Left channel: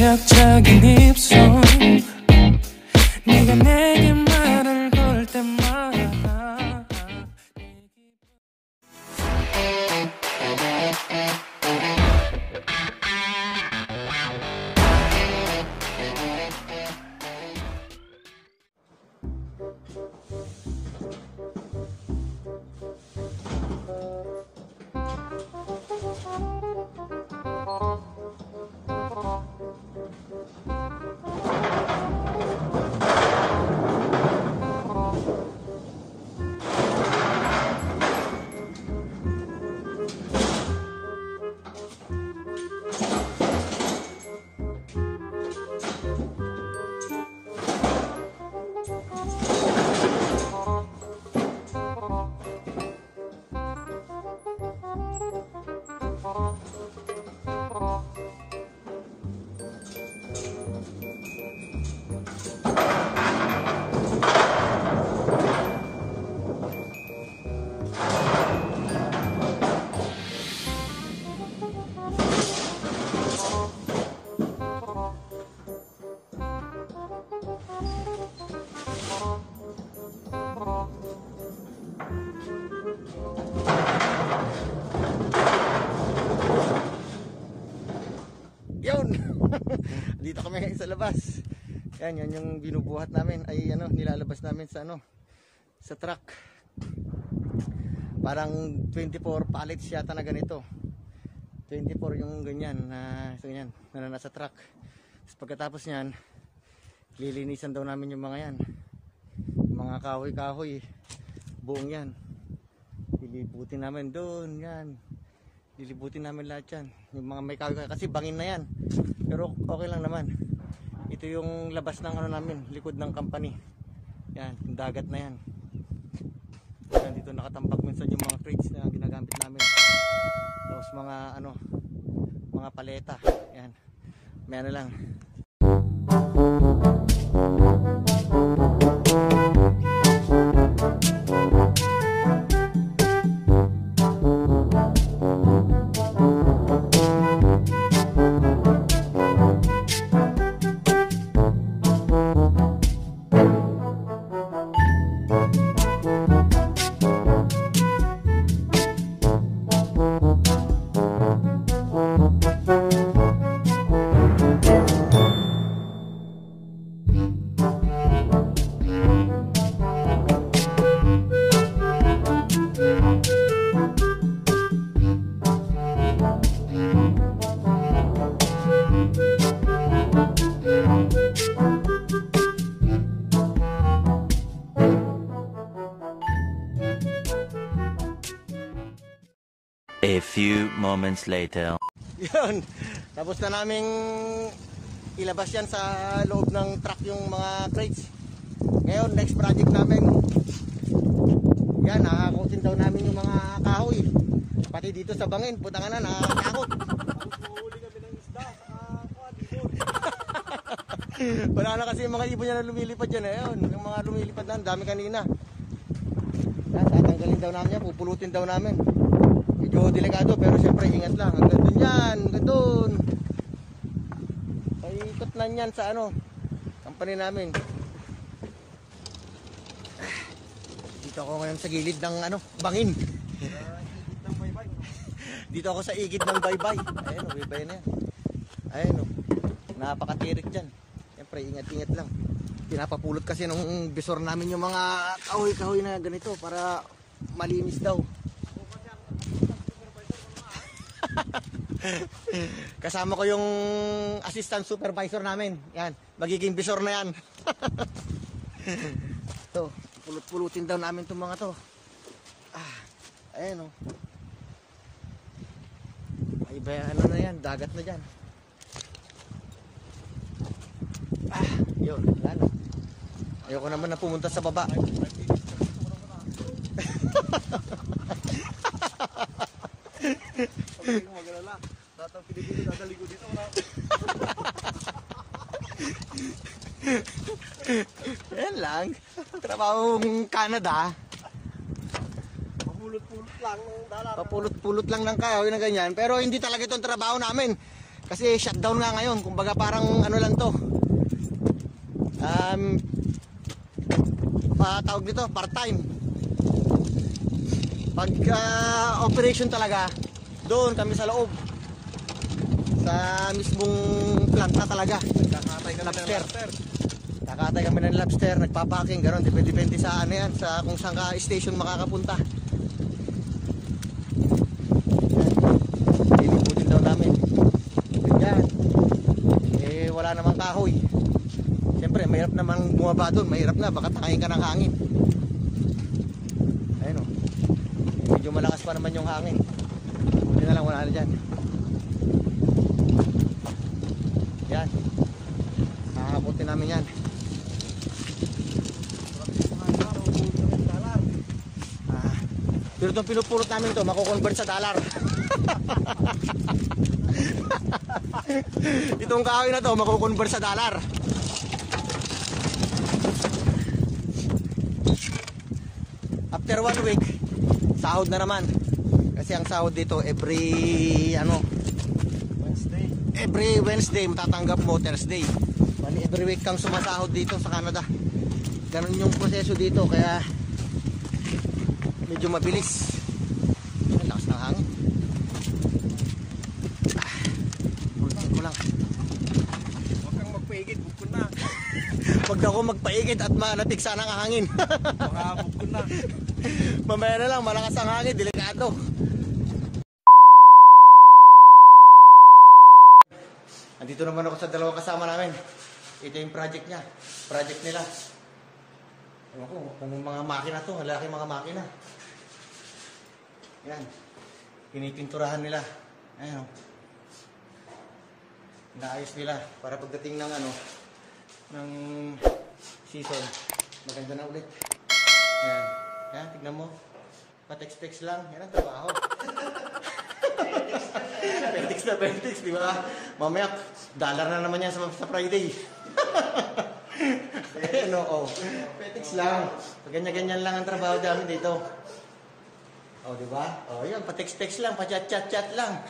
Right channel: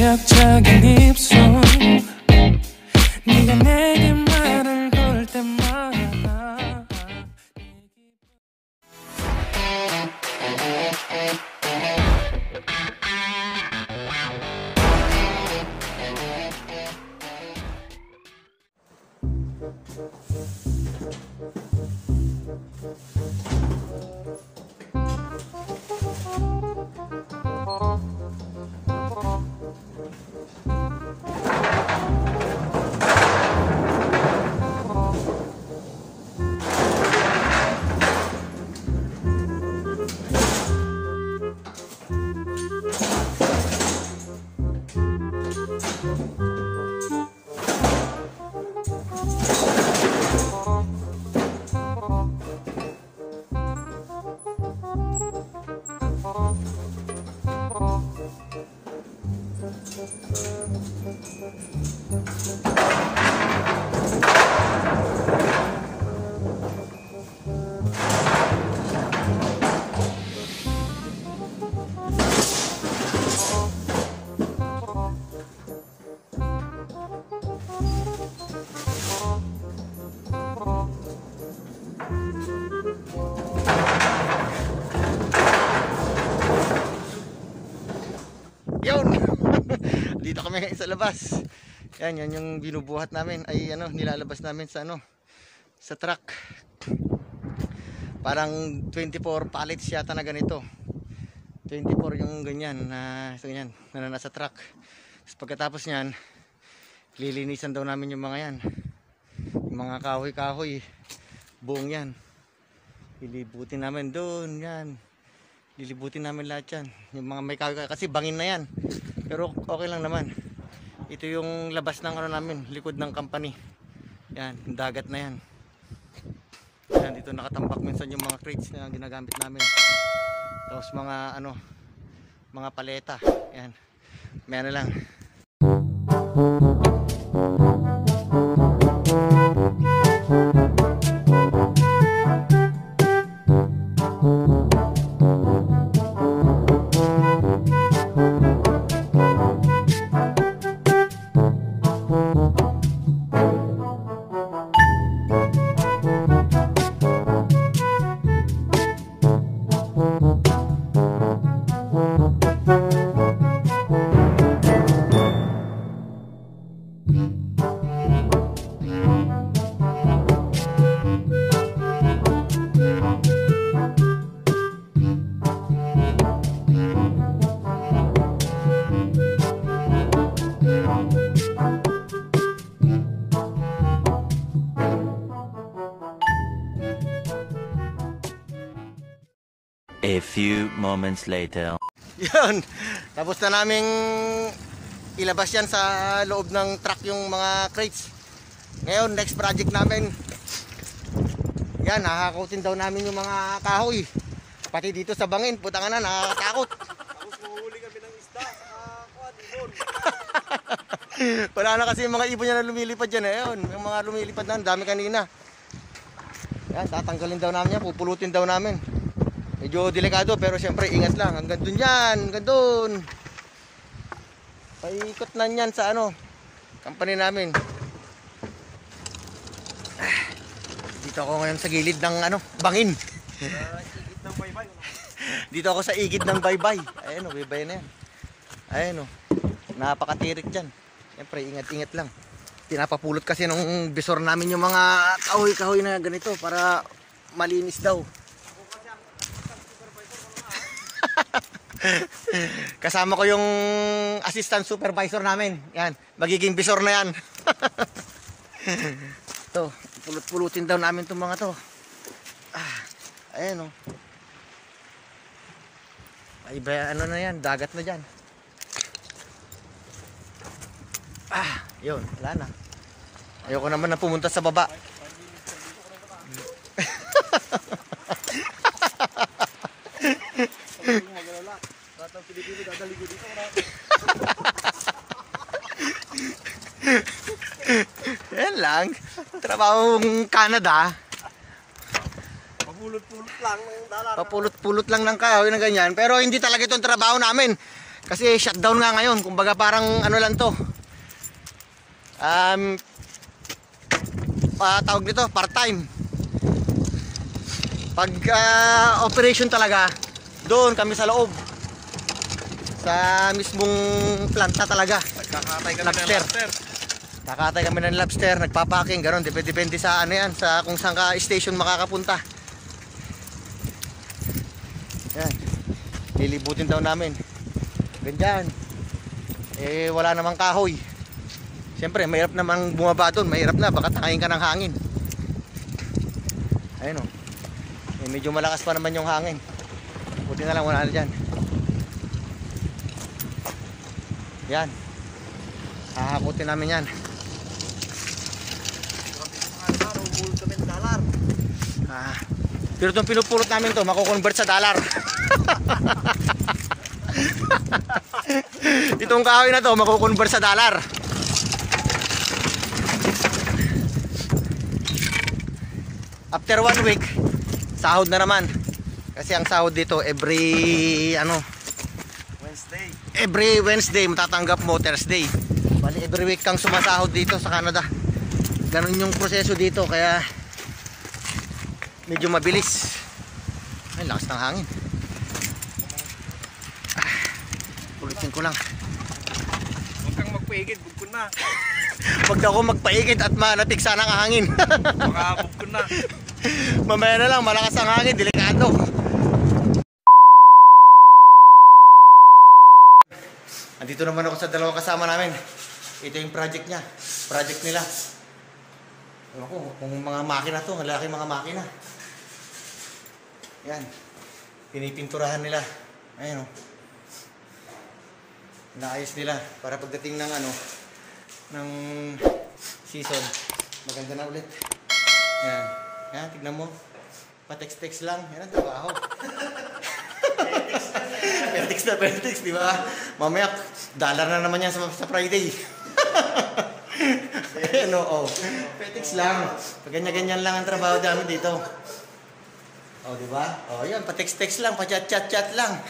매력적인 입술 네가 내게 말을 걸 때마다 Dito kami sa labas. Yan yung binubuhat namin ay nilalabas namin sa sa truck. Parang 24 pallets yata na ganito. 24 yung ganyan na nasa truck. Tapos pagkatapos niyan, lilinisan daw namin yung mga yan. Yung mga kahoy-kahoy, buong yan. Lilibutin namin doon, yan. Lilibutin namin lahat yan. Yung mga may kahoy kasi bangin na yan. Pero okay lang naman. Ito yung labas ng namin, likod ng company. Yan, yung dagat na yan. Yan, dito nakatambak minsan yung mga crates na ginagamit namin. Tapos mga mga paleta. Yan. May lang. A few moments later. Yun, tapos na naming ilabas yan sa loob ng truck yung mga crates. Ngayon, next project namin, yan, nakakutin daw namin yung mga kahoy. Pati dito sa bangin, putang na, nakakakot. Huli kami ng isda sa Wala na kasi yung mga ibon niya na lumilipad dyan. Ayun, yung mga lumilipad na, dami kanina. Yan, tatanggalin daw namin yan, pupulutin daw namin. Medyo delikado pero syempre ingat lang. Hanggang dun yan, hanggang dun. Paikot na yan sa company namin. Dito ako ngayon sa gilid ng bangin. Dito ako sa igid ng baybay. Ayun baybay na yan. Ayun napakatirik dyan. Syempre ingat-ingat lang. Pinapapulot kasi nung bisor namin yung mga kahoy-kahoy na ganito para malinis daw. Kasama ko yung assistant supervisor namin. Yan, magiging bisor na yan. To, pulot-pulutin daw namin itong mga to. Ayan ay ba na yan, dagat na dyan. Yun, wala na. Ayoko naman na pumunta sa baba. lang. Trabahong Canada. Papulot-pulot lang ng dalar. Papulot-pulot lang ng kahoy na ganyan. Pero hindi talaga itong trabaho namin. Kasi shutdown nga ngayon. Kumbaga parang ano lang to. Tawag nito, part-time. Pag operation talaga, doon kami sa loob. Sa mismong planta talaga. Kakatay ka na ng Lobster. lobster. Nakatay kami ng lobster, nagpapaking, gano'n. Depende sa ano yan, sa kung saan ka station makakapunta. Yan. Liliputin daw namin. Ganyan. Eh, wala namang kahoy. Siyempre, mahirap namang bumaba doon. Mahirap na, baka takayin ka ng hangin. Ayun o. Medyo malakas pa naman yung hangin. Buti nga lang, wala na dyan. Yan. Hahabutin namin yan. Pero itong pinupulot namin to, makukonvert sa dollar. Itong kahoy na to, makukonvert sa dollar. After 1 week, sahod na naman. Kasi ang sahod dito every Wednesday matatanggap mo, Thursday. Bali every week kang sumasahod dito sa Canada. Ganun yung proseso dito, kaya medyo mabilis. Ay, lakas ng hangin. Ulitin ko lang. Huwag kang magpaigit, bukod na. Huwag na ako magpaigit at manatig sana ang hangin. Baka bukod na. Mamaya na lang, malakas ang hangin, delikado. Andito naman ako sa dalawang kasama namin. Ito yung project niya. Project nila. Ako, kung mga makina to, ang lalaki mga makina. Yan. Pinipinturahan nila. Ayan o. Inaayos nila para pagdating ng ng season, maganda na ulit. Yan. Yan, tignan mo. Pa-text-text lang. Yan ang trabaho. Petix, di ba? Mamaya, dollar na naman yan sa Friday. Ano, Petix lang. Pag ganyan-ganyan lang ang trabaho namin dito. Oh, di ba? Oh, yan, pa-text-text lang, pa-chat-chat-chat lang.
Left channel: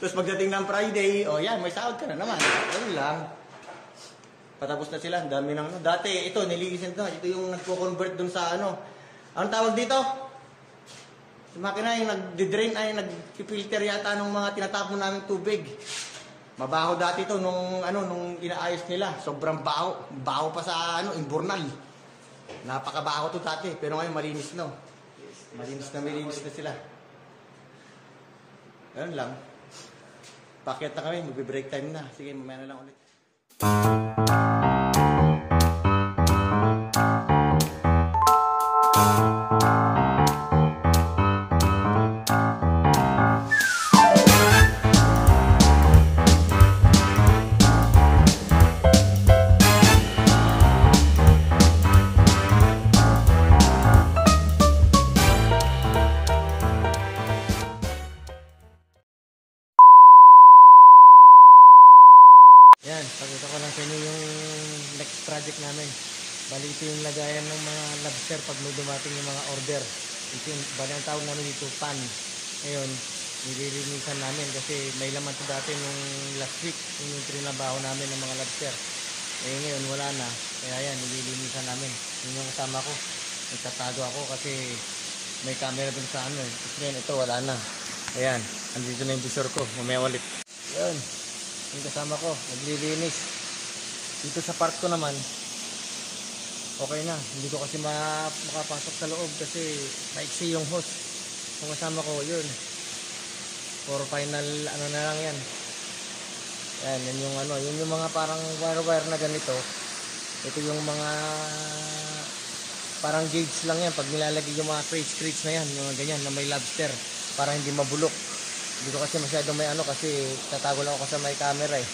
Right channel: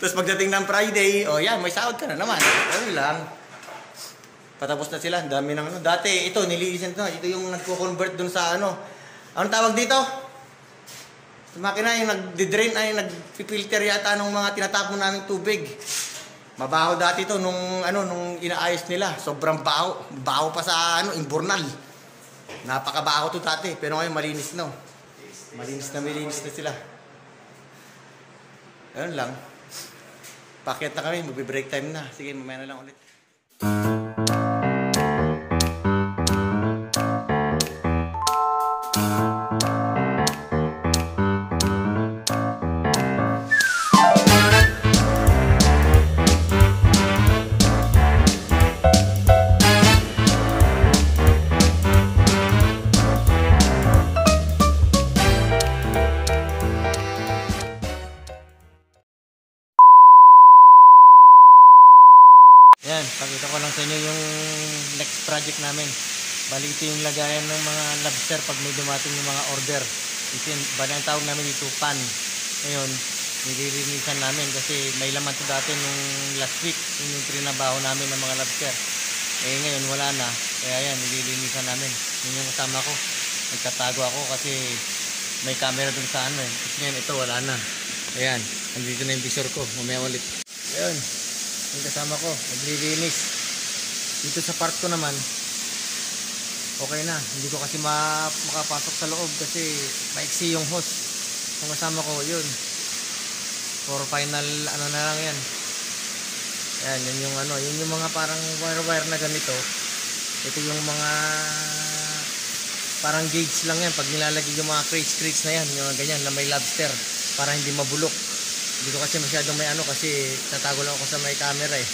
Tapos pagdating ng Friday, oh yan, may sahod ka na naman. Ano lang. Patapos na sila, dami ng dati, ito, nililisan to. Ito yung nagko-convert dun sa anong tawag dito? Sa makina yung nagdi-drain, ay nag-filter yata ng mga tinatapon namin tubig. Mabaho dati to nung inaayos nila. Sobrang baho. Baho pa sa Imbornal. Napakabaho to dati. Pero ngayon malinis no. Malinis na sila. Ayun lang. Pakyat na kami. Magbe-break time na. Sige, mamaya na lang ulit. Yan, pakita ko lang sa inyo yung next project namin. Bali ito yung lagayan ng mga lobster pag may dumating yung mga order. Bali ang tawag namin dito, pan. Ngayon, nililinisan namin kasi may laman to dati nung last week. Yung trinabaho namin ng mga lobster. Eh ngayon wala na, kaya yan, nililinisan namin. Yun yung kasama ko. Nagtatago ako kasi may camera dun sa Kasi ngayon ito wala na. Ayan, nandito na yung visor ko. Mamaya ulit. Ayan. Yung kasama ko, naglilinis. Dito sa park ko naman, okay na. Hindi ko kasi makapasok sa loob kasi maiksi yung hose. Yung kasama ko, yun. For final, na lang yan. Yan yung yun yung mga parang wire na ganito. Ito yung mga parang gauge lang yan. Pag nilalagay yung mga crates na yan, yung mga ganyan, na may lobster, para hindi mabulok. Hindi ko kasi masyadong may kasi tatago lang ako sa may camera eh.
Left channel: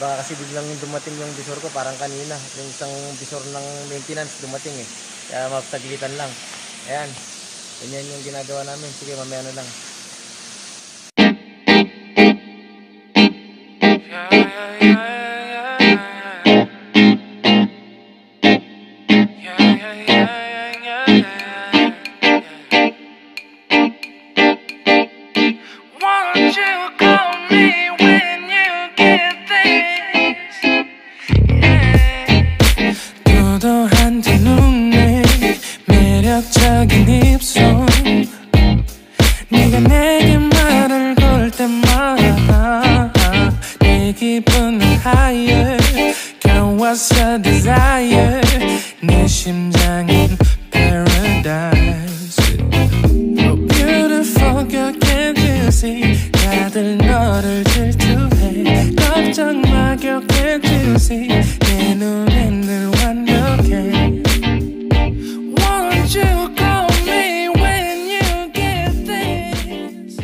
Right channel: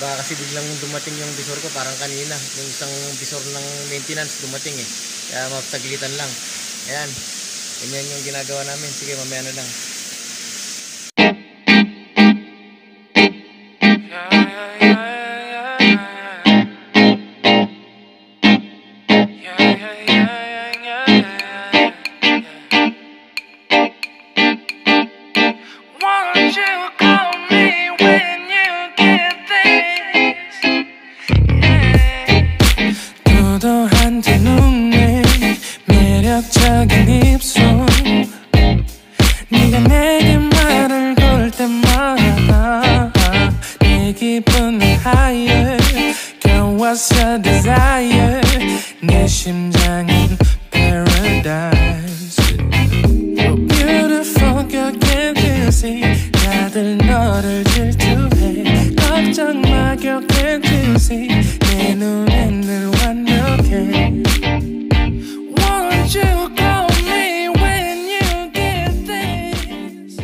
Baka kasi biglang dumating yung visor ko parang kanina. Yung isang visor ng maintenance dumating eh. Kaya mapaglitan lang. Ayan. Yan yung ginagawa namin. Sige, mamaya na lang. Won't you call me when you get this? Yeah. 도도한 두 눈에 매력적인 입술 네가 내게 말을 걸 때마다 내 기분은 higher Girl what's your desire 내 심장은 paradise You're beautiful girl can't you see 다들 너를 질투해 걱정 마 girl can't you see 내 눈엔 늘 완벽해 Won't you call me when you get this?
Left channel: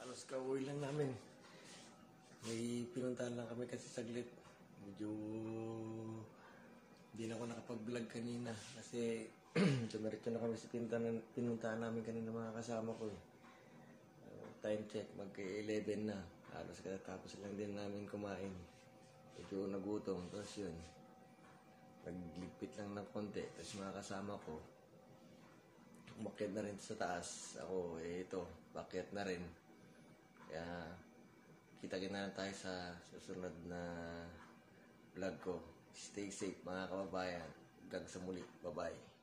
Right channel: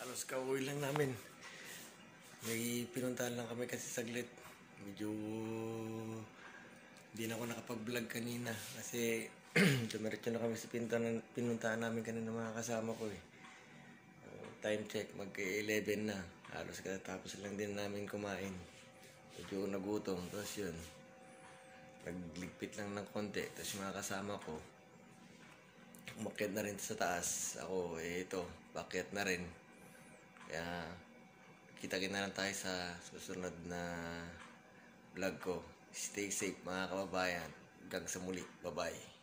Halos kauwi lang namin. May pinuntahan lang kami kasi saglit. Medyo hindi na ako nakapag-vlog kanina kasi dumiretso na kami sa pinuntahan namin kanina mga kasama ko eh. Time check, mag-11 na. Halos katapos lang din namin kumain. Medyo nagutom. Tapos yun, nagligpit lang ng konti. Tapos yung mga kasama ko, umakyat na rin sa taas. Ako, ito, pakyat na rin. Kaya, kita-kita na lang tayo sa susunod na vlog ko. Stay safe mga kababayan. Hanggang sa muli. Bye-bye.